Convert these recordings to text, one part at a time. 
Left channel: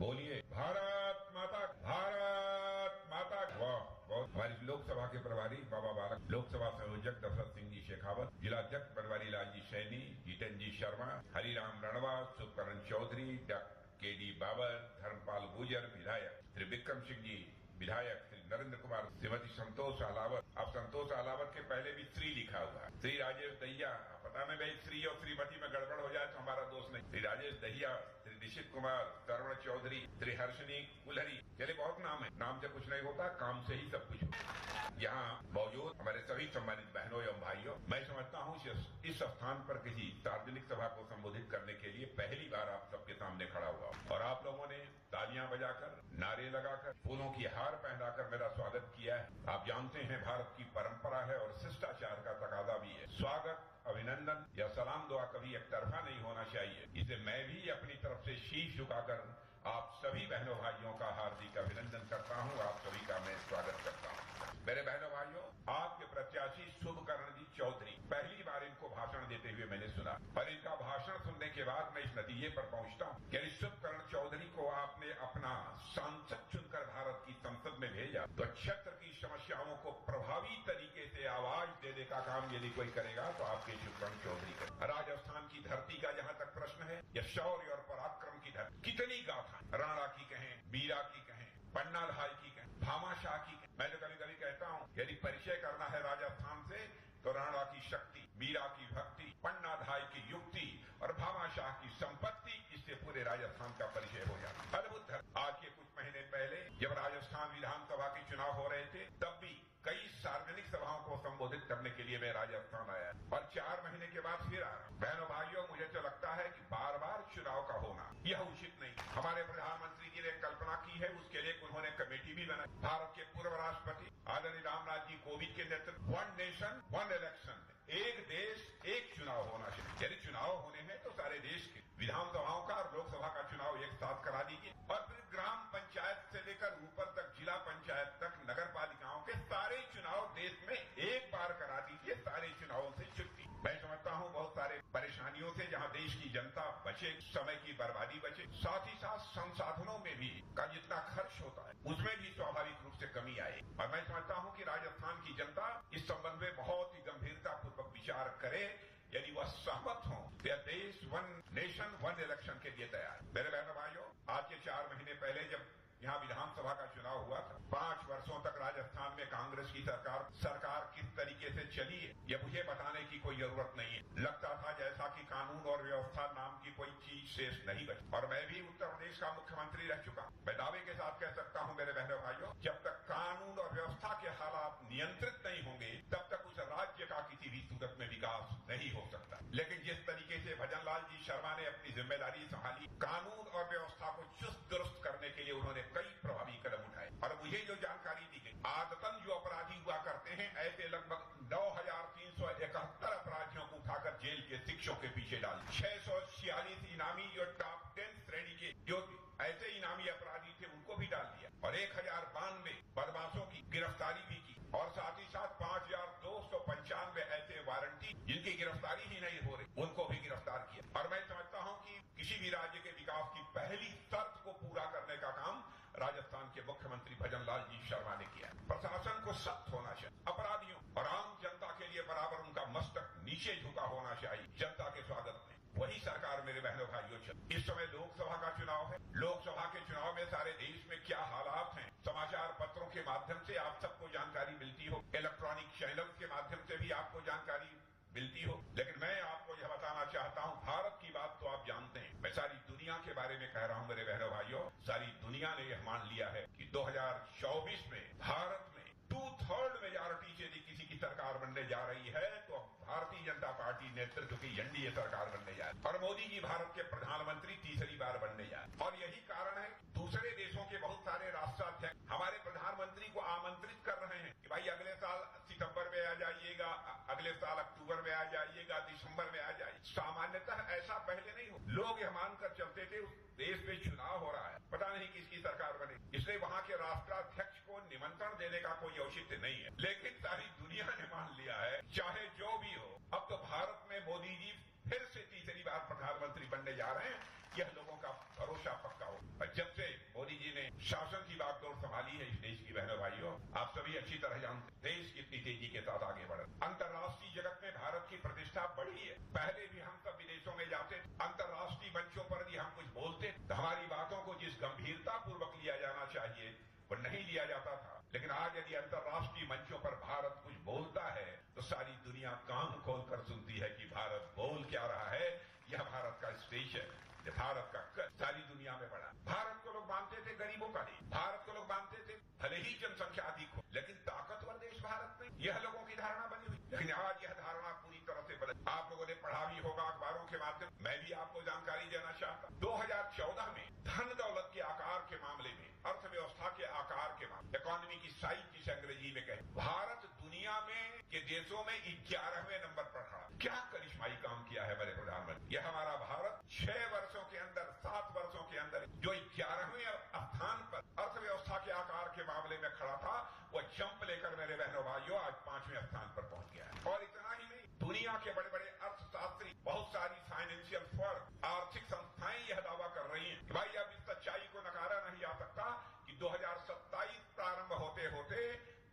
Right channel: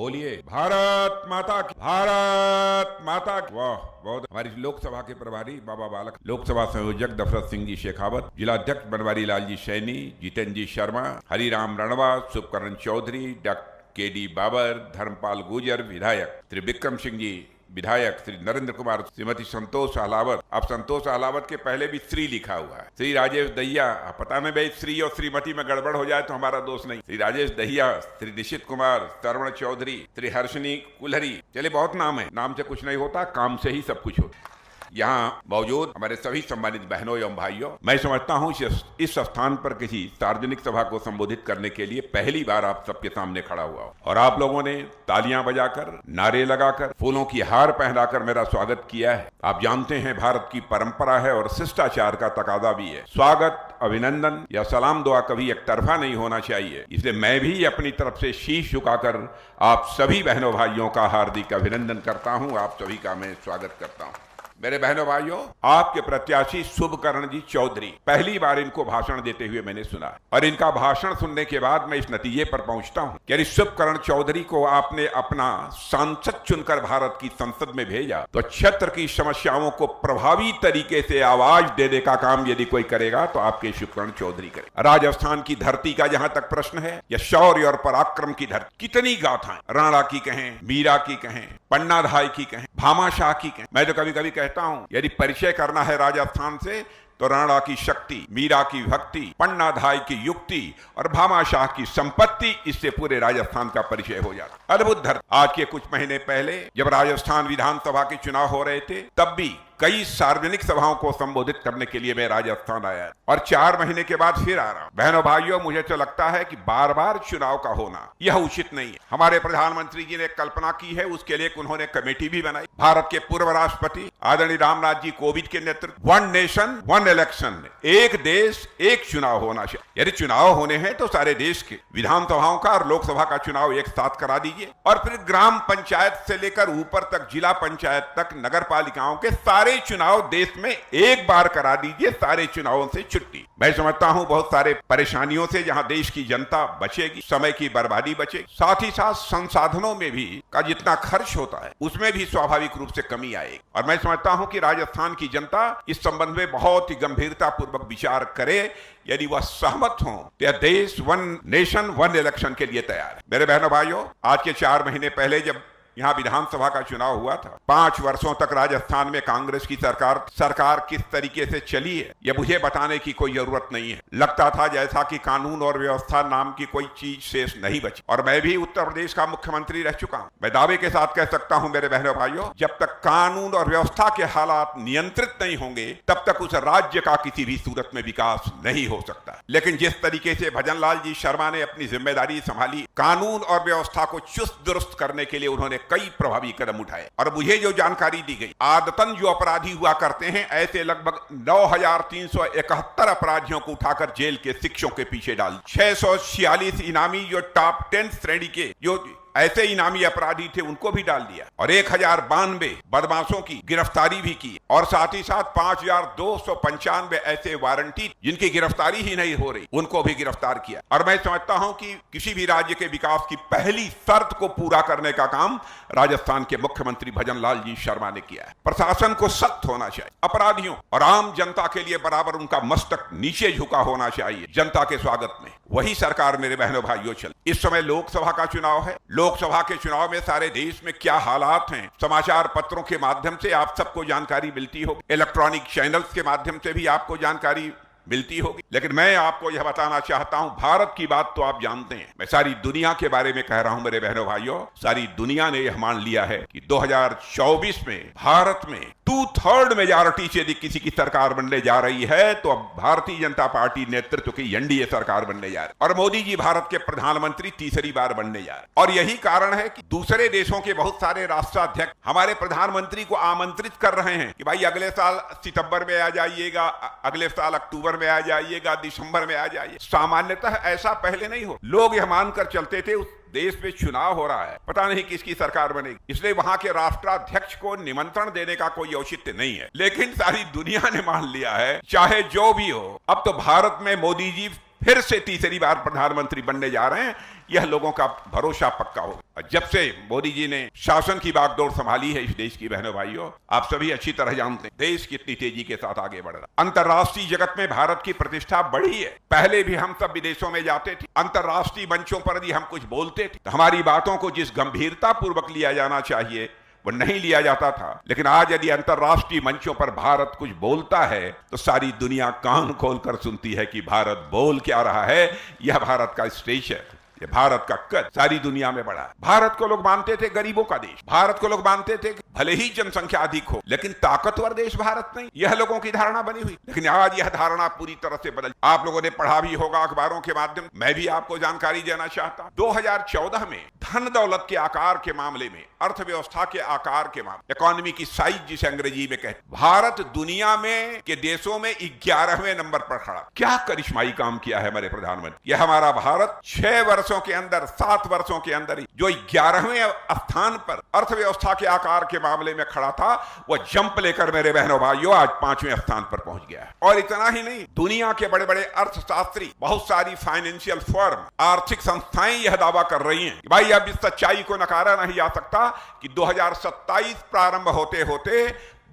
बोलिए भारत माता की, भारत माता की। वाह, बहुत। हमारी लोकसभा के प्रभारी बाबा बालक, लोकसभा संयोजक दशरथ सिंह जी शेखावत, जिला अध्यक्ष बनवारी लाल जी सैनी, जितेंद्र जी शर्मा, हरिराम रणवा, शुभकरण चौधरी, डॉक्टर के.डी. बाबर, धर्मपाल गुर्जर विधायक, श्री विक्रम सिंह जी विधायक, श्री नरेंद्र कुमार, श्रीमती संतोष अहलावत। अब संतोष अहलावत के पहले भी श्री लिखा हुआ है। श्री राजेश दहिया, पता नहीं भाई श्री और श्रीमती में गड़बड़ हो जाए तो हमारा दोष नहीं। श्री राजेश दहिया, श्री निशित कुमार, श्रवण चौधरी, श्री हर्षनी कुलहरी। चले बहुत नाम है, नाम से कुछ नहीं होता, काम से ही सब कुछ होता। यहाँ मौजूद हमारे सभी सम्मानित बहनों एवं भाइयों, मैं समझता हूँ इस स्थान पर किसी सार्वजनिक सभा को संबोधित करने के लिए पहली बार आप सबके सामने खड़ा हुआ हूँ और आप लोगों ने तालियां बजाकर, नारे लगाकर, फूलों की हार पहनाकर मेरा स्वागत किया है। आप जानते हैं भारत की परंपरा है और शिष्टाचार का तकाजा भी है। स्वागत, अभिनंदन या सलाम दुआ कभी एक तरफा नहीं होना चाहिए। इसलिए मैं भी अपनी तरफ से शीश झुकाकर आप सभी बहनों भाइयों का हार्दिक अभिनंदन करता हूँ। आप सभी का मैं स्वागत करता हूँ। मेरे बहनों भाइयों, आपके प्रत्याशी शुभकरण जी चौधरी, पहली बार इनको भाषण देते हुए मैंने सुना और इनका भाषण सुनने के बाद मैं इस नतीजे पर पहुंचता हूं कि शुभकरण चौधरी को आपने अपना सांसद चुनकर भारत की संसद में भेजा तो क्षेत्र की समस्याओं को प्रभावी तरीके से आवाज देने का काम यदि कोई करेगा तो आपके शुभकरण चौधरी करें। राजस्थान की धरती का जहां तक प्रश्न है, या शौर्य और पराक्रम की धरती, कितनी गाथाएं, राणा की कहें, मीरा की कहें, पन्नाधाय की कहें, भामाशाह की कहें। मैं तो कभी कभी कहता हूं यदि परिचय करना है राजस्थान से तो राणा की शक्ति, मीरा की भक्ति, पन्नाधाय की युक्ति और भामाशाह की संपत्ति, इससे पूरे राजस्थान का परिचय हो जाता। अद्भुत धरती। आज के कुछ महीने पहले जब राजस्थान विधानसभा के चुनाव हो रहे थे तब भी कई सार्वजनिक सभाओं को संबोधित करने के लिए मैं राजस्थान आया और 4 महीने के बाद फिर आ रहा हूं। बहनों भाइयों, मुझे तो लगता है कि बार बार चुनाव का होना यह उचित नहीं है। हमारे प्रधानमंत्री जी ने कल्पना की है, उसके लिए उन्होंने कमेटी भी बनाई। भारत के पूर्व राष्ट्रपति आदरणीय रामनाथ जी कोविंद के नेतृत्व, 1 नेशन 1 इलेक्शन, एक देश एक चुनाव होना चाहिए। यदि चुनाव होने हैं तो सारे देश के विधानसभाओं का और लोकसभा का चुनाव एक साथ करा दीजिए और फिर ग्राम पंचायत से लेकर ऊपर तक, जिला पंचायत तक, नगर पालिकाओं के सारे चुनाव देश में एक बार करा दीजिए। सारे चुनावों से छुट्टी। मैं समझता हूं बहुत सारे परेशानियों से जहां देश की जनता बचेगी, समय की बर्बादी बचेगी, साथ ही साथ संसाधनों में भी का जितना खर्च होता है उसमें भी स्वाभाविक रूप से कमी आएगी। और मैं समझता हूं कि राजस्थान की जनता इस संबंध में बहुत ही गंभीरता पूर्वक विचार करे। यदि वह सहमत हो तो यह देश 1 नेशन 1 इलेक्शन के लिए तैयार है। मेरे बहनों भाइयों, आज के 4 महीने पहले जब यहाँ विधानसभा का चुनाव हुआ था, 5 वर्षों तक राजस्थान में कांग्रेस की सरकार किस तरीके से चली है यह मुझे बताने की कोई जरूरत नहीं है। लगता था जैसा कि कानून और व्यवस्था नाम की कोई चीज शेष नहीं बची। और मैं भी उत्तर प्रदेश का मुख्यमंत्री रह चुका हूँ। मैं दावे के साथ कह सकता हूँ मेरे बहनों भाइयों, जब तक कानून और व्यवस्था के हालात नियंत्रित नहीं होंगे तब तक उस राज्य का किसी भी सूरत में विकास नहीं हो सकता। लेकिन जिस तरीके से भजनलाल जी शर्मा ने अपनी जिम्मेदारी संभाली, कानून और व्यवस्था को चुस्त दुरुस्त करने के लिए उन्होंने कई प्रभावी कदम उठाए। और मुझे जो जानकारी दी गई, आदतन जो अपराधी हुआ करते हैं ऐसे लगभग 9,371 अपराधियों को उठाकर जेल के शिक्षों के पीछे डाल, 646 इनामी जो टॉप 10 श्रेणी के जो ऐसे इनामी अपराधी थे उनको भी डाल दिया और 1092 बदमाशों की गिरफ्तारी भी की और साथ ही साथ 5295 ऐसे वारंटी जिनकी गिरफ्तारी ही नहीं हो रही उनको भी गिरफ्तार किया। और मैं समझता हूं कि किसी भी राज्य के विकास की पहली शर्त को पूरा करने का काम राजस्थान के मुख्यमंत्री भजनलाल जी शर्मा ने किया है। प्रशासन को सख्त होना चाहिए, अपराधियों और आम जनता के लिए बराबर उनका मस्तक नीचे झुका होना चाहिए जनता के स्वागत में। वही सरकार मेरे बहनों भाइयों चल। इस समय लोकसभा का चुनाव है। लोकसभा के चुनाव में सारे देश में क्या हालात हैं, समाचार पत्रों के माध्यम से आप सबको जानकारी मिलती होगी, इलेक्ट्रॉनिक चैनल्स के माध्यम से भी आपको जानकारी मिलती होगी। लेकिन मैं आपको यह बताना चाहता हूं, भारत की बात तो आप जानते हैं, मैं सारी दुनिया के बारे में कह रहा हूं मेरे बहनों भाइयों। सारी दुनिया ने यह मान लिया है कि 2024 में भारत में 2/3 मेजॉरिटी से यदि किसी की सरकार बनने जा रही है तो अब भारतीय जनता पार्टी नेतृत्व की एनडीए सरकार बनने जा रही है और मोदी जी भारत के प्रधानमंत्री तीसरी बार बनने जा रहे हैं। और यही कारण है कि दूसरे देशों के बहुत सारे राष्ट्राध्यक्ष हमारे प्रधानमंत्री को आमंत्रित कर रहे हैं कि भाई अगले साल सितंबर में आ जाइएगा, अगले साल अक्टूबर में आ जाइएगा, दिसंबर में आ जाइए। सामान्यतः ऐसा पहले नहीं हो। लोग यह मानकर चलते थे उस देश में चुनाव हो रहा है, पता नहीं किसकी सरकार बनेगी, इसलिए वहां के राष्ट्राध्यक्ष को निमंत्रण देने का कोई औचित्य नहीं है। लेकिन सारी दुनिया ने मान लिया है, चाहे जो भी हो, अब तो भारत में मोदी जी फिर से तीसरी बार प्रधानमंत्री बनने जा रहे हैं, यह लोगों का भरोसा पक्का हो। जब से मोदी जी ने शासन की बागडोर संभाली है इस देश की बहनों भाइयों, आप सभी अच्छी तरह जानते हैं देश कितनी तेजी के साथ आगे बढ़ रहा है। अंतर्राष्ट्रीय जगत में भारत की प्रतिष्ठा बढ़ी है। पहले भी हम सब विदेशों में जाते थे, अंतर्राष्ट्रीय मंचों पर यदि हम कुछ बोलते थे तो हमारी बातों को जिस गंभीरता पूर्वक लिया जाना चाहिए वो नहीं लिया जाता था। लेकिन आज यदि अंतर्राष्ट्रीय मंचों पर भारत कुछ बोलता है तो सारी दुनिया कान खोलकर सुनती है कि भारत बोल क्या रहा है। यह भारत का स्टेज है, ये भारत का कद सारी दुनिया में बड़ा है। भारत को लोग मानते थे गरीबों का देश, भारत को लोग मानते थे कि भले ही जनसंख्या अधिक हो लेकिन ताकतवर देश भारत नहीं, यह लोगों की धारणा बनी हुई। लेकिन आज यह धारणा पूरी तरह से बदल, आप लोगों ने पढ़ा भी होगा अखबारों के माध्यम, मैं भी आपको जानकारी देना चाहता हूं। 2014 में धन दौलत के आकार के मामले में, अर्थव्यवस्था के आकार के मामले, इकोनॉमी की साइज जिसे अंग्रेजी में कहते, भारत दुनिया में के देशों में 11वें नंबर पर खड़ा। क्या करिश्माई काम किया है हमारे प्रधानमंत्री। यह हमारा भारत 6 वर्षों के अंदर, 7 वर्षों के अंदर ही जो 11वें स्थान पर अर्थव्यवस्था के आकार के मामले में खड़ा था, वह जंप लेकर मेरे बहनों भाइयों आज 5वें स्थान पर पहुंच गया है। और इतना ही नहीं, दुनिया के बड़े बड़े अर्थशास्त्री, बहुत सारी फाइनेंशियल फर्म, आर्थिक संस्थाएं यह दावा कर रही हैं कि भाई अब इस सच्चाई को नकारा नहीं जा सकता कि 2027 प्रारंभ होते होते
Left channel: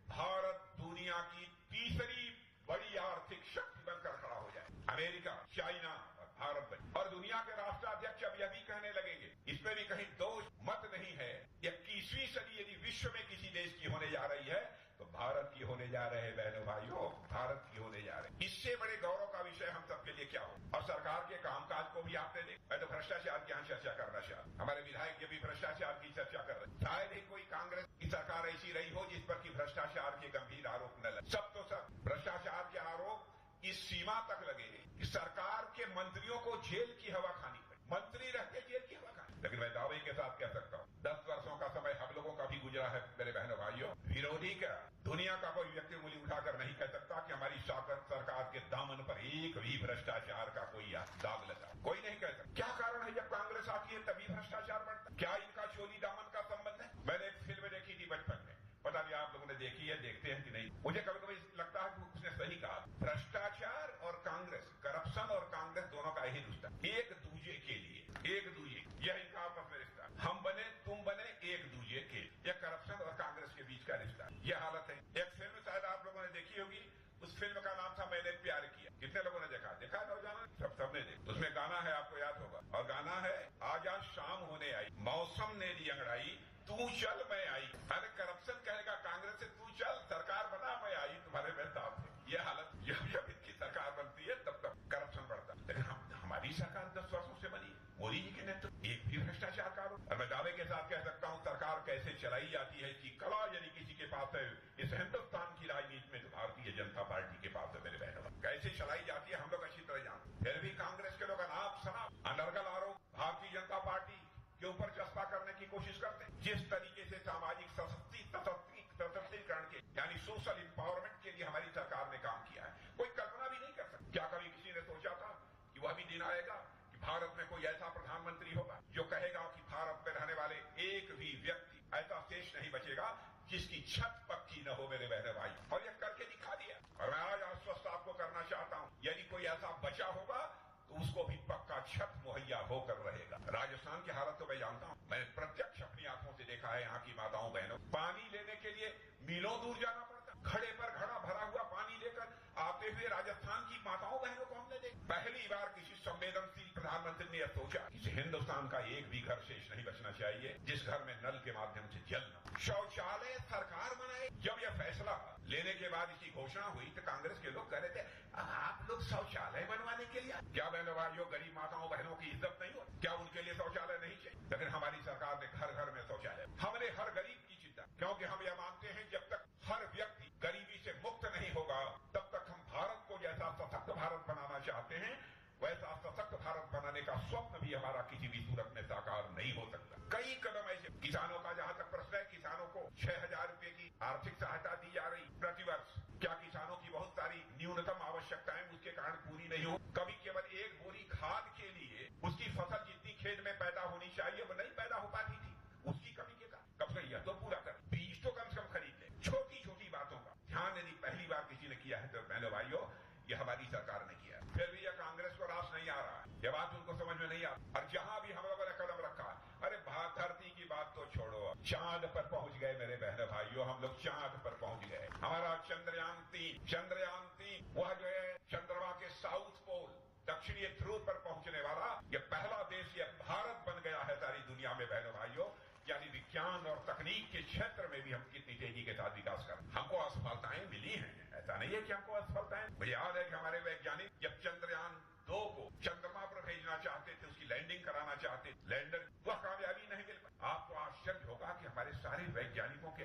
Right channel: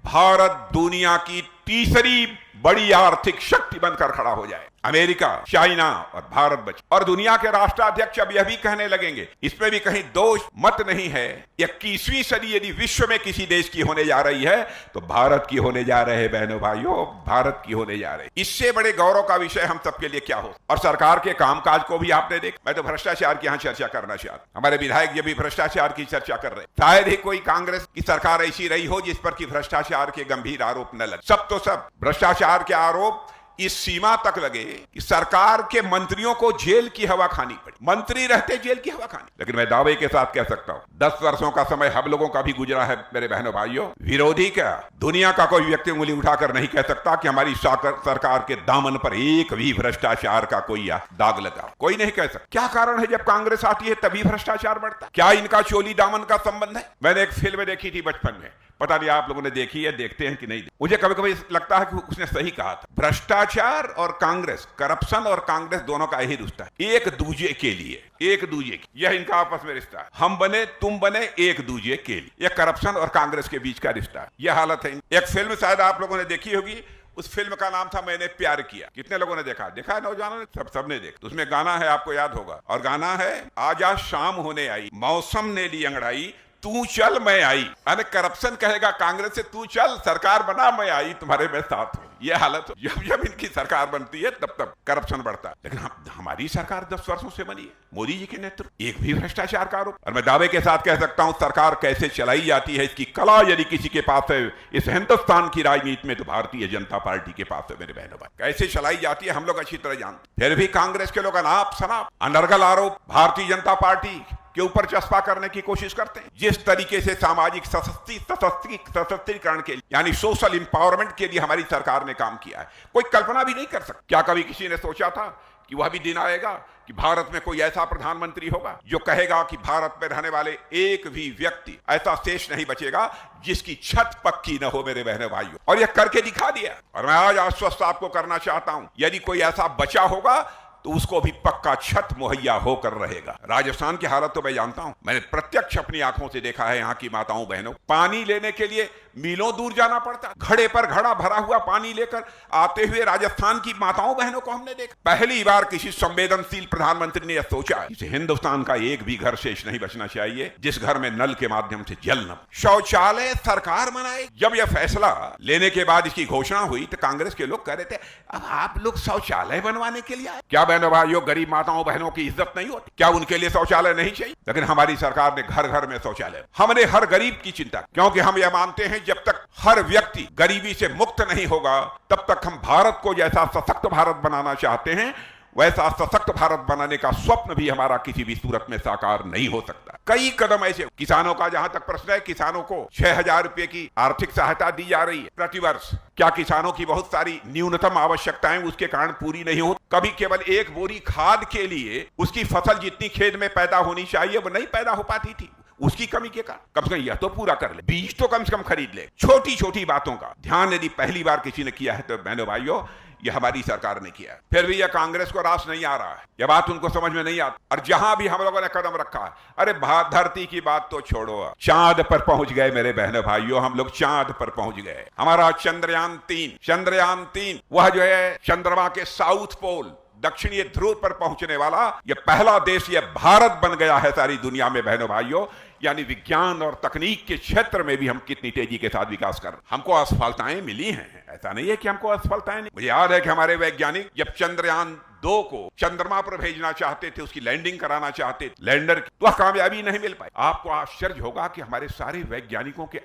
भारत दुनिया की तीसरी बड़ी आर्थिक शक्ति बनकर खड़ा हो जाए। अमेरिका, चाइना और भारत बचे। और दुनिया के राष्ट्राध्यक्ष अब यह भी कहने लगेंगे, इसमें भी कहीं दोष मत नहीं है, 21वीं सदी यदि विश्व में किसी देश की होने जा रही है तो भारत की होने जा रहे हैं बहनों भाइयों, भारत की होने जा रहे। इससे बड़े गौरव का विषय हम सबके लिए क्या हो। और सरकार के कामकाज को भी आपने देखा। मैं तो भ्रष्टाचार की यहाँ चर्चा करना चाहता, हमारे विधायक ये भी भ्रष्टाचार की चर्चा कर रहे। शायद ही कोई कांग्रेस की सरकार ऐसी रही हो जिस पर कि भ्रष्टाचार के गंभीर आरोप न लगे। सब तो सब भ्रष्टाचार के आरोप इस सीमा तक लगे कि सरकार के मंत्रियों को जेल की हवा खानी पड़ी, मंत्री रहते जेल की हवा खानी। लेकिन मैं दावे के साथ कह सकता हूं 10 वर्षों का समय हम लोगों का भी गुजरा है मेरे बहनों भाइयों। विरोधी क्या, दुनिया का कोई व्यक्ति उंगली उठाकर नहीं कह सकता कि हमारी सरकार के दामन पर एक भी भ्रष्टाचार का कोई दाग लगा, कोई नहीं कह सकता। क्या कारण है जब कांग्रेस आती है तभी भ्रष्टाचार बढ़ता? क्या इनका चोली दामन का संबंध है? मैंने एक फिल्म देखी थी बचपन में, पता नहीं आप लोगों ने देखी है, देखते हैं कि नहीं। मुझे कभी कभी लगता है कि उसने सही कहा था, भ्रष्टाचार और कांग्रेस, करप्शन और कांग्रेस दोनों का यही रिश्ता है, एक दूजे के लिए, एक दूजे की, यह इनका आपस में रिश्ता है। हम बने तुम बने एक दूजे के लिए, यह करप्शन और कांग्रेस के बीच का रिश्ता है, यह हालत है। एक फिल्म शायद आप लोगों ने देखी होगी, उस फिल्म का नाम था मैंने प्यार किया। कितने लोगों ने देखा? देखा है नौजवानों ने? सबने देखा। उसमें गाना है, आपको याद होगा, और गाना है आजा शाम होने आई, मौसम ने ली अंगड़ाई, तू चल मैं आई। अरे करप्शन कहेगा कांग्रेस से, तू चल सरकार बना मैं आई तुम्हारे में साथ हूं। यह हालत हो। जब इनकी सरकार बनती है तब तब करप्शन बढ़ता है। लेकिन हमारी सरकार 10 वर्षों से बनी है, मोदी जी के नेतृत्व, एक भी भ्रष्टाचार का आरोप। और मैं दावे के साथ कह सकता हूं सरकार कैसे चलाई जाती है इसकी कला यदि किसी के पास है इस हिंदुस्तान की राजनीति में तो भारतीय जनता पार्टी के पास है मेरे बहनों भाई। कैसे चलाई जाती है हम लोग अच्छी तरह जानते। फिर भी कांग्रेस के लोग अनाप शनाप अनर्गल आरोप भारतीय जनता पार्टी के ऊपर चस्पा करने की कोशिश करते हैं। जिस तरीके से सामाजिक सशक्तिकरण के लिए यानी सोशल इंपावरमेंट के लिए हमारी सरकार ने काम किया है, कोई कल्पना भी नहीं कर सकता। क्या कभी किसी ने सोचा था कि वह भी दिन आएगा कि भारत में कोई ऐसा प्रधानमंत्री होगा जो कहेगा कि भारत में रहने वाले एक भी व्यक्ति ऐसा शेष नहीं बचेगा जिसकी छत पक्की न हो मेरे बहनों भाइयों। और यह करके दिखा दिया। और मैं आज आश्वस्त आपको करना चाहता हूं, यदि कोई ऐसा बचा होगा तो उसको भी पक्का छत मुहैया होकर रहेगा। राजस्थान की हालत तो मैं जानता हूं, मैंने प्रत्यक्ष अपनी आंखों से देखा है। यहाँ की माताओं बहनों, पानी लेने के लिए मीलों दूर जाना पड़ता, घड़े पर घड़ा भरा हुआ पानी लेकर आते हुए राजस्थान की माताओं बहनों को हमने देखा। पहली बार किसी संवेदनशील प्रधानमंत्री ने यह सोचा कि हिंदुस्तान का एक भी घर शेष नहीं बचना चाहिए जिस घर में नल के माध्यम से जल न, शौचालय सरकार बनाए। जब यह फैसला लेने के बाद इसकी घोषणा हुई तो कांग्रेस के लोग कह रहे थे अब आप लोग शौचालय बनवाने के लिए आए क्या? बहनों भाइयों, गरीब माताओं बहनों की इज्जत नहीं होती क्या? उनके लिए शौचालय नहीं चाहिए? लेकिन हमारी सरकार ने घर घर में शौचालय, हमने हर गरीब की चिंता, क्योंकि हम यह मानते हैं जब तक हर व्यक्ति गरीबी से मुक्त नहीं होगा तब तक हम भारत को जैसा सशक्त भारत बनाना चाहते हैं वैसा सशक्त भारत बनाने का स्वप्न भी हमारा किसी भी सूरत में साकार नहीं हो सकता। कई कदम ऐसे, किसानों का जहां तक प्रश्न है, किसानों को 6,000 रुपए की आर्थिक सहायता दी जा रही है प्रतिवर्ष। क्या किसानों की बहुत सारी न्यूनतम आवश्यकताएं उसके कारण पूरी नहीं होती? कभी केवल एक बोरी खाद के लिए उसकी फसल जितनी खेत में पैदा होनी चाहिए वो नहीं पैदा हो पाती थी, उसकी कमी के कारण। कम से कम यह तो पूरा कर ले, बीज तो कम से कम खरीद ले। छोटी छोटी बातों का ध्यान यदि पहली बार किसी ने किया है तो बहनों भाइयों यह हमारी सरकार ने किया। फिर भी यह कांग्रेस को रास नहीं आ रहा है, यह बात उनको समझ में नहीं आती। और जहां भी हम लोगों ने कदम रखा है, अरे धरती की बात तो छोड़ो, चांद पर पहुंच गए मेरे बहनों भाइयों, हम लोग चांद पर पहुंच गए। हमारा चंद्रयान-3 वह जो है चंद्रमा के साउथ पोल दक्षिणी ध्रुव पर पहुंचने वाला यह पहला देश यह भारत बन गया है सारी दुनिया में बहनों भाइयों। यानी विज्ञान और तकनीक के क्षेत्र में भी हम कितनी तेजी के साथ विकास कर रहे हैं। हमको असफलताएं मिली हैं, ऐसा नहीं है कि हमको असफलताएं नहीं। मुझे याद है कि हमारे वैज्ञानिक जब चंद्रयान-2 को चंद्रमा पर भेजना चाहते थे, उसकी लैंडिंग कराना चाहते थे, लैंडर की, तो कामयाबी नहीं मिल पाई। आपको आश्चर्य होगा कि हमारे सारे वैज्ञानिकों के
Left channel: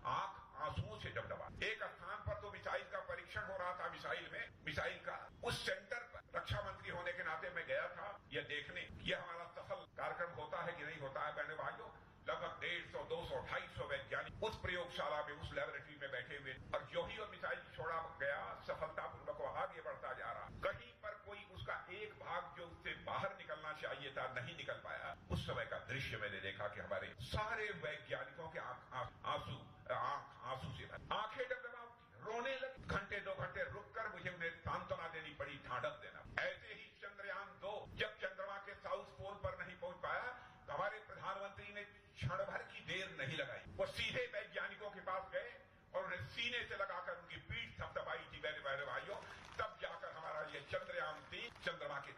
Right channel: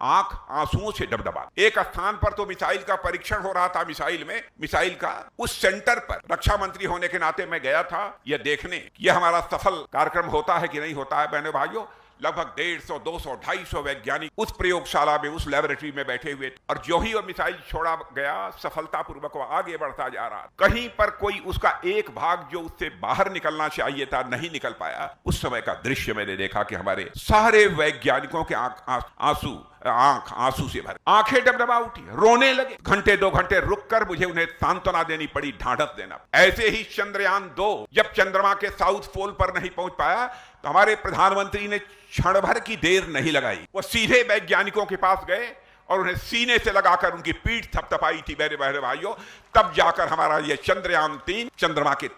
आंख आंसुओं से डबडबा। एक स्थान पर तो मिसाइल का परीक्षण हो रहा था, मिसाइल का उस सेंटर पर रक्षा मंत्री होने के नाते मैं गया था यह देखने, यह हमारा सफल कार्यक्रम होता है कि नहीं होता है। बहनों भाइयों, लगभग 150, 200, 250 वैज्ञानिक उस प्रयोगशाला में, उस लेबोरेटरी में बैठे हुए थे। और जो ही वो मिसाइल छोड़ा गया, सफलतापूर्वक वो आगे बढ़ता जा रहा। कहीं पर कोई उसका एक भाग जो उससे बाहर निकलना चाहिए था नहीं निकल पाया। उस समय का दृश्य मैंने देखा कि हमारे सारे वैज्ञानिकों के आंख आंसू से भरे, आंखें डबडबा उठी, रोने लगे। घंटे 2 घंटे रुककर मुझे उन्हें सांत्वना देनी पड़ी, ढांढस देना। ऐसे ही चंद्रयान-2 जब चंद्रमा के साउथ पोल पर नहीं पहुंच पाया तो हमारे प्रधानमंत्री ने क्षण भर की देर नहीं लगाई, वो सीधे वैज्ञानिकों के पास गए और उन्हें सीने से लगाकर उनकी पीठ थपथपाई थी। मेरे बहरे भाइयों, तब जाकर हमारा ये चंद्रयान-3 चंद्रमा के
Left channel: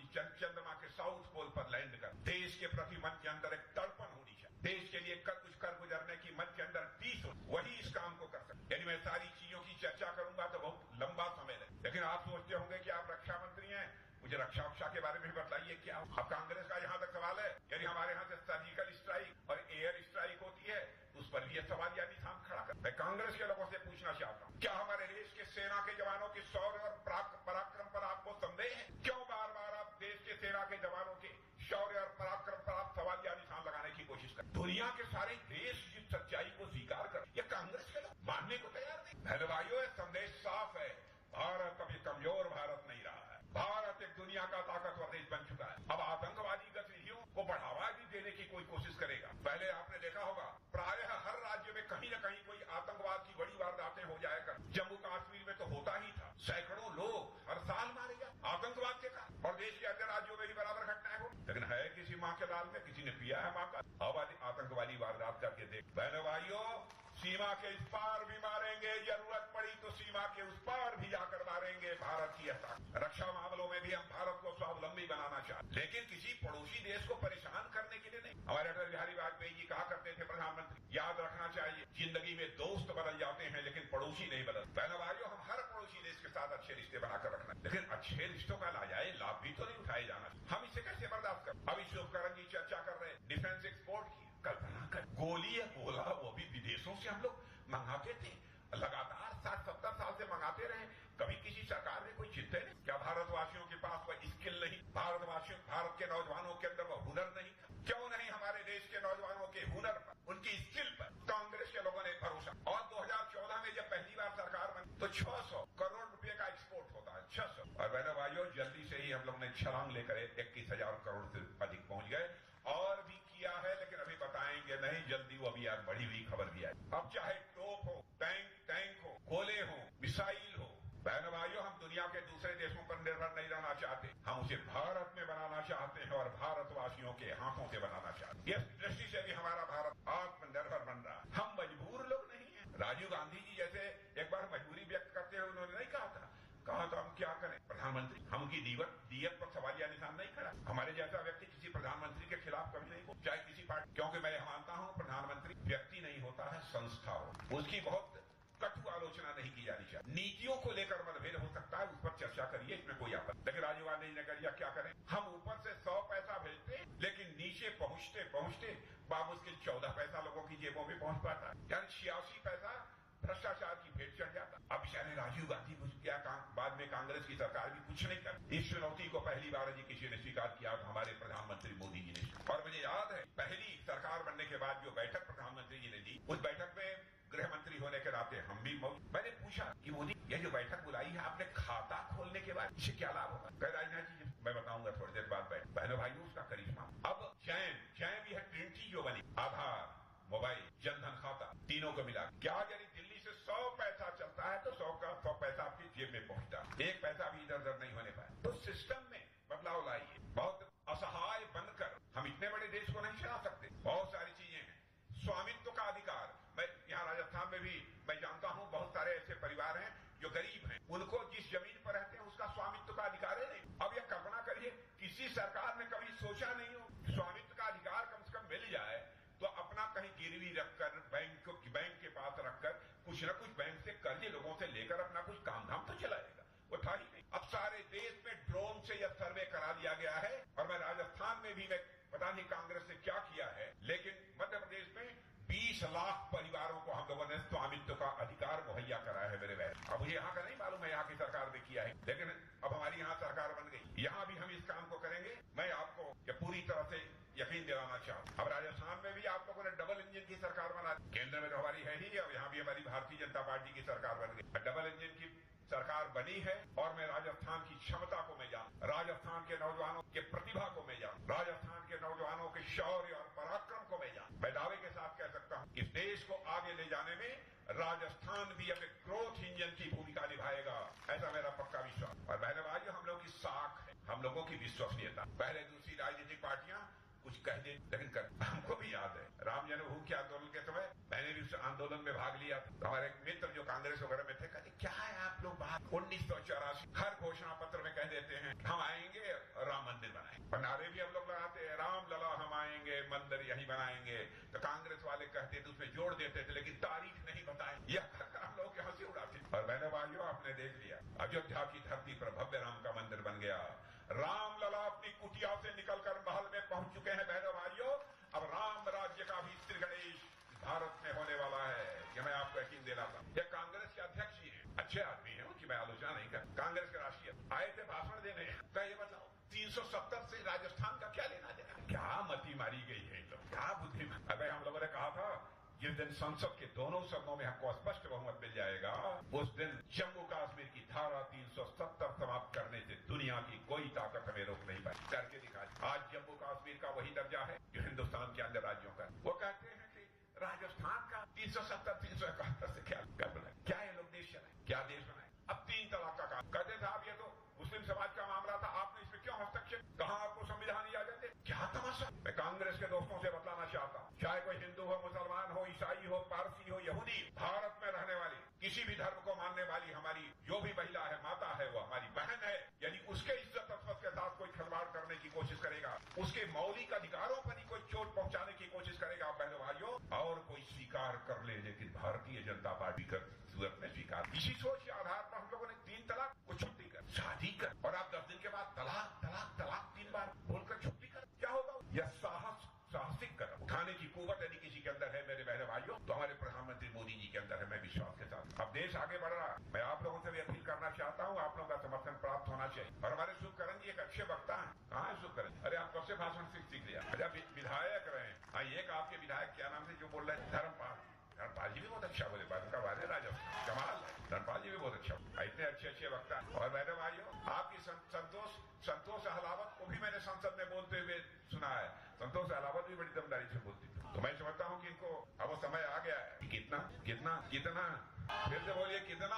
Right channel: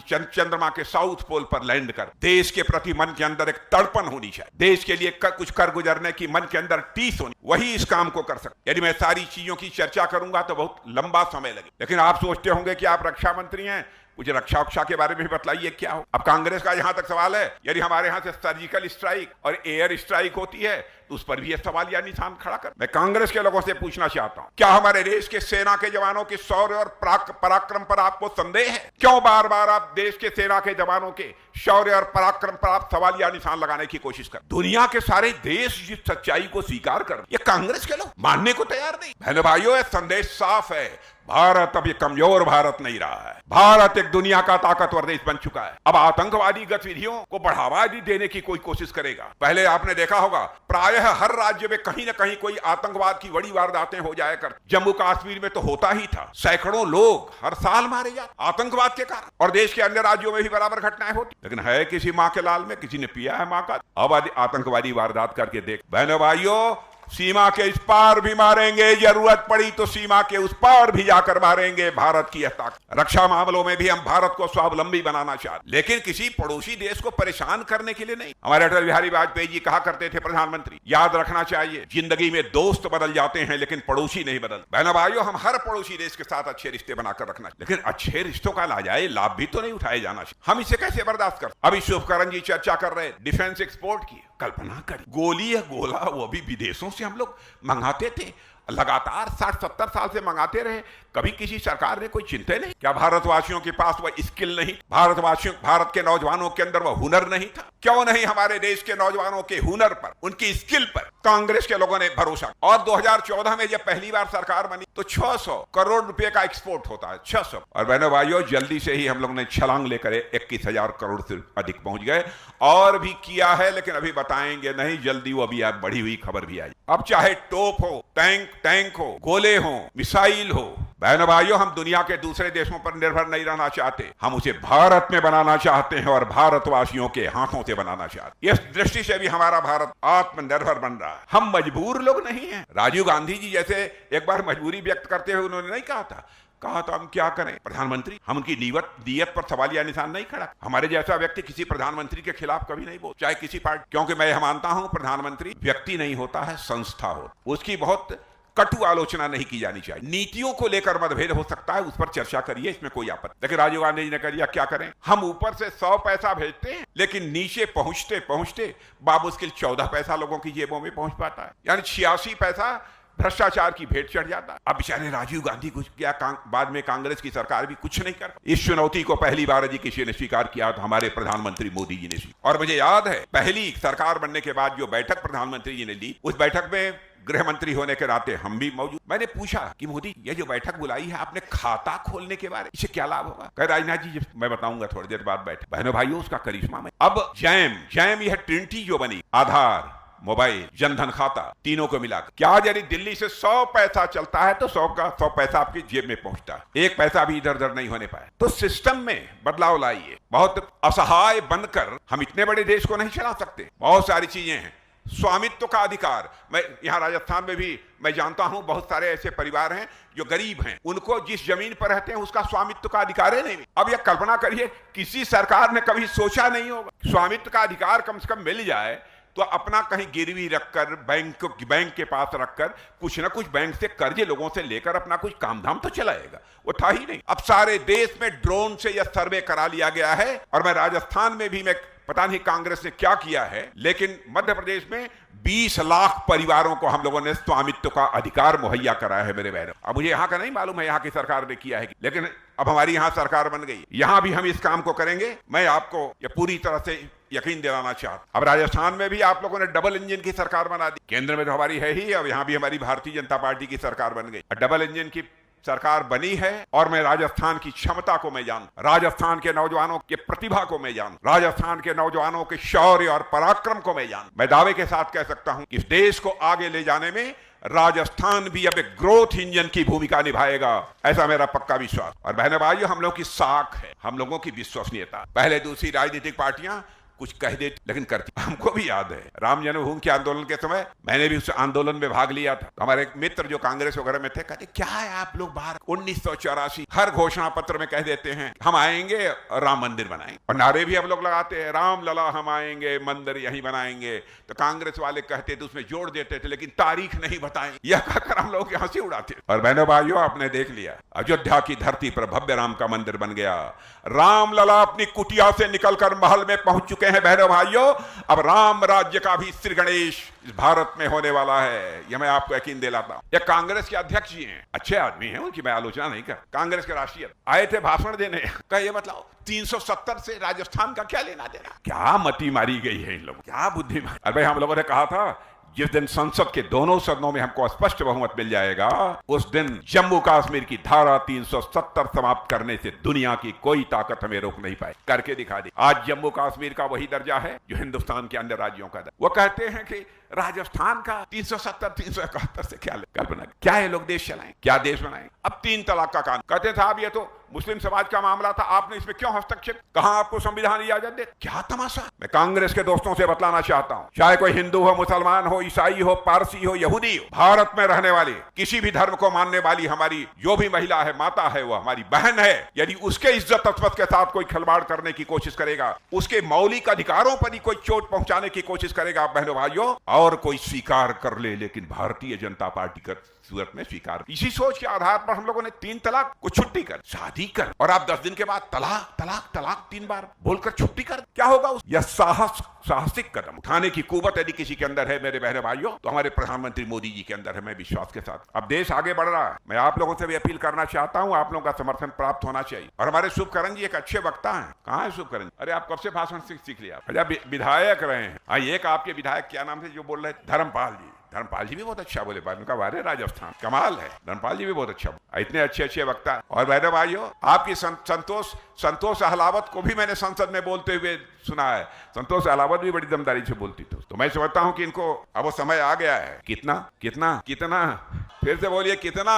चंद्रमा के साउथ पोल पर लैंड कर देश के प्रति मन के अंदर एक तड़पन होनी चाहिए, देश के लिए कुछ कर गुजरने की मन के अंदर टीस होनी, वही इस काम को कर सकते। यदि मैं सारी चीजों की चर्चा करूंगा तो बहुत लंबा समय लगेगा। लेकिन आप सोचते होंगे कि आप रक्षा मंत्री हैं, मुझे रक्षा के बारे में भी बतलाइए क्या हो। अब कांग्रेस का यहां तक सवाल है, यदि हमारे यहां से सर्जिकल स्ट्राइक और एयर स्ट्राइक होती है तो उस पर भी यह सवाल या निशान खड़ा कर। मैं कांग्रेस के लोगों से पूछना चाहता हूं, क्या हमारे देश के सेना के जवानों के शौर्य और पराक्रम पर आपको संदेह है? क्यों बार बार आप देश के सेना के जवानों के शौर्य और पराक्रम पर आप सवाल या निशान लगाने की कोशिश कर? दुनिया के सारे देश जिस सच्चाई को स्वीकार कर, ये कांग्रेस के लोग मानने को तैयार नहीं। बहनों भाइयों, यह संदेश साफ है, भारत अब ये कमजोर भारत नहीं रहा है, भारत एक दुनिया का ताकतवर देश बन चुका है। अब आतंकवादी गतिविधियों को बढ़ावा देने की कोई कोशिश करेगा। पहले आपने देखा होगा प्रायः हर राज्य में कहीं न कहीं कोई आतंकवाद की बड़ी वारदातें हो जाया कर। जम्मू कश्मीर में तो होता ही था, सैकड़ों लोग हर साल मारे जाते आतंकवाद के कारण, और देश के अन्य राज्यों में भी बराबर घटनाएं होती। लेकिन है किसी माँ के लाल में, किसी ने पिया है माँ का। अब आतंकवादी वारदात करके देख। बहनों भाइयों, सीमा के इस पार भी मारेंगे, जरूरत पड़ी तो सीमा के उस पार भी जाकर मारेंगे। भारत की ताकत। रक्षा मामलों में भी हम भारत को स्वावलंबी बनाना चाहते, लेकिन किसी पड़ोसी देश को परेशान करने के लिए नहीं। हमारे अटल बिहारी वाजपेयी जी कहा करते थे, प्रधानमंत्री, याद रखना चाहिए, जिंदगी में दोस्त बदल जाते हैं लेकिन पड़ोसी नहीं बदल। बहनों भाइयों, हम हर पड़ोसी देश के साथ अच्छे रिश्ते बनाकर रखना, लेकिन अच्छे रिश्तों का नाजायज लाभ भी तो नहीं उठाए जाना चाहिए। हम इसे कैसे बर्दाश्त कर? अभी शुभकरण जी चर्चा कर रहे डिफेंस एक्सपोर्ट की। कल्पना करें, गोली या गोला वो भी विदेशों से हम लोग मंगाते थे, लगातार 60-70 साल से मंगाते रहे, कभी किसी सरकार ने कोई चिंता नहीं। क्या भारतवासियों के पास वह स्किल नहीं? भारत के नौजवानों के अंदर वह हुनर नहीं था? क्यों नहीं हमारे देश के नौजवानों के हुनर पर, उनकी स्किल पर कांग्रेस के लोगों ने भरोसा। और 2014 में जब पहली बार सरकार बनी तो 600 करोड़ रुपए का एक्सपोर्ट होता है, 600। और बहनों भाइयों, जल्दी से ही हम लोग ने छलांग लेकर 21,000 करोड़ से अधिक पहुंच गए। और भी किया है, लेकिन अभी बताएंगे नहीं, जल्दी वो अभी आप बढ़ी हुई खबर भी आई। अब चाहे तोप हो, टैंक हो, गोले हो, मिसाइल हो, बहनों भाइयों, हम दुनिया के दूसरे देशों पर निर्भर नहीं रहना चाहते, हम उसे भारत में बनाना चाहते हैं और भारतवासियों के हाथों से बनाना चाहते हैं। इस दृष्टि से भी हमारा भारत आत्मनिर्भर बन रहा है। हम मजबूर लोग नहीं हैं। राजीव गांधी जी जैसे एक बार मजबूरी व्यक्त करते हुए उन्होंने नहीं कहा तो हम क्या करें प्रधानमंत्री, हम उनकी नीयत पर सवाल या निशान नहीं खड़ा। हमारे जैसा व्यक्ति किसी प्रधानमंत्री के खिलाफ कभी नहीं बोल, चाहे किसी पार्टी, क्योंकि मैं मानता हूं प्रधानमंत्री व्यक्ति नहीं होता है, संस्था हो। उसकी बहुत कटु आलोचना नहीं की जानी चाहिए। नीतियों को लेकर मतभेद हो सकता है, उस पर चर्चा करिए, इसमें कोई आपत्ति। लेकिन राजीव गांधी जी ने कहा क्या करें, हम ऊपर से 100 पैसा भेजते हैं, लेकिन नीचे पहुंचते पहुंचते बामुश्किल 14 पैसा लोगों की जेबों में पहुंच पाता है, यानी 86 पैसा भ्रष्टाचार की भेंट चढ़ जाता। अब बेचारे राजीव गांधी कुछ क्या, बाद में कांग्रेस की सरकार भी कुछ नहीं कर। इस चुनौती को पहली बार यदि किसी ने स्वीकार किया तो हमारे प्रधानमंत्री मोदी जी ने स्वीकार। और मुझे याद है पहली सरकार बनने के बाद जो बैठक प्रधानमंत्री जी ने ली, उस बैठक में गृह मंत्री होने के नाते हम भी मौजूद। मैंने पूछा कि मोदी, ये जो बैठक बुलाई है आपने खाता खोलने के बारे, इससे क्या लाभ होगा? कह राजनाथ जी मैं बताऊंगा थोड़ी देर बाद बैठक। बहनों भाइयों, उसका करिश्मा में अब जैम यह ट्रिनिटी जो बनी, आधार, मोबाइल, जनधन खाता, तीनों को मिलाकर क्या यदि दिल्ली से 100 पैसा चलता है तो 100 का 100 पैसा आपकी जेब में पहुंचता है, एक पैसा भी इधर उधर नहीं होने पाया। तो सिस्टम में बदलाव लाइए। बहुत असहाय बनकर हम इतने बड़े देश को नहीं चला सकते। बहुत सारी चीजें हैं। स्वामित्व का अधिकार, मैं यहाँ राजस्थान में भी मैं जानता हूं बहुत सारे ऐसे परिवार हैं जो गरीब हैं, उनको जिस जमीन पर रहते हैं उसका स्वामित्व का अधिकार ही नहीं। अब यह कल्पना करिए किसी सरकार ने कभी सोचा नहीं होगा स्वामित्व का अधिकार कम से कम मिल जाए तो अपना कहीं गिरवी रखकर बैंक के पास रखकर कुछ ना कुछ बैंक से कर्ज लोगों से लेकर अपना कुछ काम धाम तो चलाएगा। वो था ही नहीं। अब सारे देश में ड्रोन से यह सर्वे करा लिया गया है। और मैं राजस्थान में भी, मैं पता नहीं कांग्रेस ने क्या किया है, लेकिन मध्य प्रदेश में 20 लाख परिवारों को हम लोगों ने स्वामित्व का अधिकार मुहैया कराया है मेरे बहनों। अब मुझे यहाँ का नहीं मालूम है यहाँ की सरकार ने किया है, लेकिन अब हमारी यहाँ सरकार बन गई, यहाँ भी हम इस काम को करेंगे। मैं आपको ये पूरी तरह से यकीन दिलाना चाहता। अब राजस्थान में भी आप लोगों ने डबल इंजन की सरकार बना दी। केंद्र में तो हमारी है ही, अब यहाँ भी हमारी भारतीय जनता पार्टी की सरकार बन गई। डबल इंजन की सरकार बनी है और मैं राजस्थान की क्षमता को मैं जानता, राजस्थान के नौजवानों के प्रतिभा को मैं जानता, राजस्थान के नौजवानों के शौर्य और पराक्रम को मैं जानता। मैं दावे के साथ कह सकता हूं कि इस देश को आगे ले जाने में राजस्थान भी अब एक ग्रोथ इंजन की भूमिका निभाएगा, ऐसा मेरा पक्का विश्वास। और बहनों भाइयों, हम लोगों की साख है, हम लोगों की विश्वसनीयता। पहले दूसरी राजनीतिक पार्टियां कुछ कह देती लेकिन करती। हमको भी याद है राम जन्मभूमि के आंदोलन के समय मैंने भी उस आंदोलन में भाग लिया था। हमारे एक मित्र जो कांग्रेस वगैरह में थे कहते क्या है आप लोग बाहर 1984 हर घोषणा पत्र में कह देते हैं हम आएंगे और राम मंदिर बनाएंगे, और नारे भी हम लोग लगाते हैं राम लला हम आएंगे मंदिर यहीं बनाएंगे। तो कांग्रेस वाले कहते थे उसमें जोड़ देते थे लेकिन तारीख नहीं बताएंगे, यह कहकर हम लोग हंसी उड़ाते। और बहनों भाइयों, आपने देख लिया अयोध्या की धरती पर भव्य राम का मंदिर बन गया। राम लला अपनी कुटिया से निकलकर महल में पहुंच चुके हैं। बहनों भाइयों, अब राम राज्य का भी श्री गणेश इस भारत में होने वाला है, यह मैं आपको यकीन दिलाता हूं। ये कांग्रेस के अध्यक्ष जी हैं, अच्छे आदमी हैं, उनकी मैं आलोचना नहीं कर। कांग्रेस के राष्ट्रीय आए थे भाषण देने, कहे मतलब 370 से राजस्थान का क्या लेना देना। क्या मती मारी गई है इन लोगों, क्या बुद्धिमान। अरे भाई, हम लोगों ने कहा था जिस दिन संसद के दोनों सदनों में हमको स्पष्ट बहुमत मिल जाएगा उस दिन जम्मू कश्मीर की धारा 370 समाप्त करने से दुनिया की कोई ताकत हमें रोक नहीं पाए। करके दिखा दी। आज जम्मू कश्मीर का वही दर्जा है जो हिंदुस्तान के अन्य राज्यों का दर्जा। वो कहते हैं कि राजस्थान का 370 371 से क्या कल्पना, क्या है लोग देश चलाएं, क्या देश बनाएं। अब 3 तलाक का कानून कहते साहब ये तो मुस्लिम समाज का मामला था, आपने इसमें क्यों हस्तक्षेप, कहां आपको संविधान इजाजत दे, क्या तमाशा। मैं कांग्रेस के दोस्तों से बतलाना चाहता हूं, चाहे कोई हिंदू हो, मुसलमान हो, ईसाई हो, पारसी हो, यहूदी हो, भारत में रहने वाली किसी भी धर्म को मानने वाली हमारी जो भी महिला है, माता है, वो हमारी बहन है। यदि उसके इज्जत अजमत के साथ कोई खिलवाड़ करने की कोशिश करेगा, उसके मौलिक अधिकारों पर ही कोई चोट पहुंचाने की कोशिश करेगा, बहनों भाइयों, और कोई स्वीकार कर ले, लेकिन भारतीय जनता पार्टी का सूरत में स्वीकार। इसी सोच के आधार पर हम लोगों ने 3 तलाक को छुट्टी कर, शादी कर, और आप 10 दिन के बाद तलाक तलाक तलाक 3 बार बोलकर छुट्टी कर। क्या होगा उस यह साहसिक कदम उठाने की कुवत यदि किसी के अंदर है मेरे बहनों भाइयों, तो हमारे प्रधानमंत्री मोदी जी के अंदर है, मैं विश्वास के साथ। अब देश आगे बढ़ रहा है, मैं आप लोगों से भी अपील करना चाहता हूं, आप लोगों का समर्थन प्राप्त होना चाहिए। और हमारे शुभकरण जी एक अच्छे वक्ता है। कहाँ है शुभकरण जी? अरे आप कब से भाषण सीख लिया? अरे विधायक रहे हैं। एक आपके विधायक क्या नाम से जो बोल रहे थे, धर्मपाल जी। धर्मपाल जी भी बहुत अच्छा बोले, उनका वारे राजस्थान कमाल है। धर्मपाल जी भी बहुत अच्छा, इतने अच्छे वक्ता। और बहनों भाइयों, आपकी संतोष अहलावत को भी मैंने संसद में बोलते हुए सुना है। संतोष अहलावत भी बड़ी दमदारी से बोलती थी। तो मैं समझता हूं कि इनको अब वो समय आ गया है। कितना कितना कितना, फिर से बोलिए कितना।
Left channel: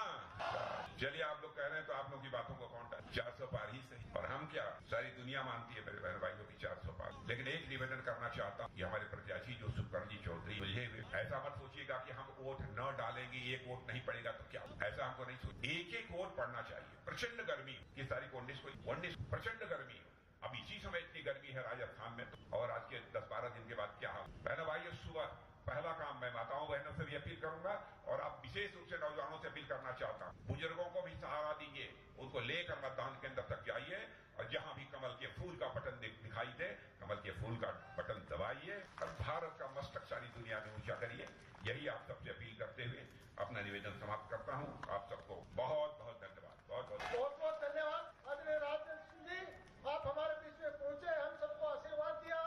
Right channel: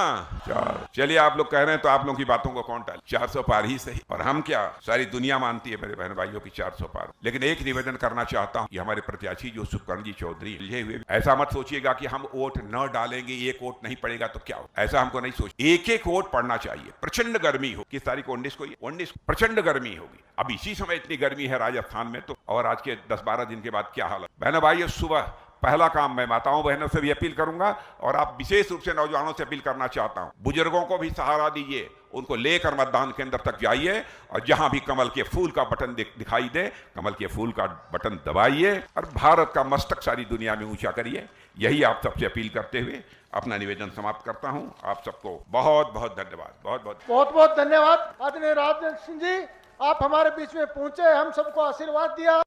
4। चलिए, आप लोग कह रहे हैं तो आप लोगों की बातों को कौन टाले, 400 पार ही सही। और हम क्या, सारी दुनिया मानती है मेरे बहन भाइयों की 400 पार। लेकिन एक निवेदन करना चाहता हूं कि हमारे प्रत्याशी जो शुभकरण जी चौधरी ये हुए, ऐसा मत सोचिएगा कि हम वोट न डालेंगे, एक वोट नहीं पड़ेगा तो क्या हो, ऐसा हमको नहीं सोच। एक वोट पड़ना चाहिए। प्रचंड गर्मी हो, किस तारीख को 19 को, 19 प्रचंड गर्मी होगी। अब इसी समय इतनी गर्मी है राजस्थान में, तो और आज के 10-12 दिन के बाद क्या हालत। बहनों भाइयों, सुबह पहला काम मैं माताओं बहनों से भी अपील करूंगा, और आप विशेष रूप से नौजवानों से अपील करना चाहता हूं, बुजुर्गों को भी सहारा दीजिए, उनको लेकर मतदान केंद्र तक जाइए, और जहां भी कमल के फूल का बटन दिखाई दे, कमल के फूल का बटन दबाइए, और भारत का मस्तक सारी दुनिया में ऊंचा करिए। यही आप सबसे अपील करते हुए अपना निवेदन समाप्त करता हूं। आप सबको बहुत बहुत धन्यवाद। बहुत बहुत धन्यवाद आदरणीय राजनाथ सिंह जी, आप हमारे बीच में पहुंचे, हम सबको आशीर्वाद दिया।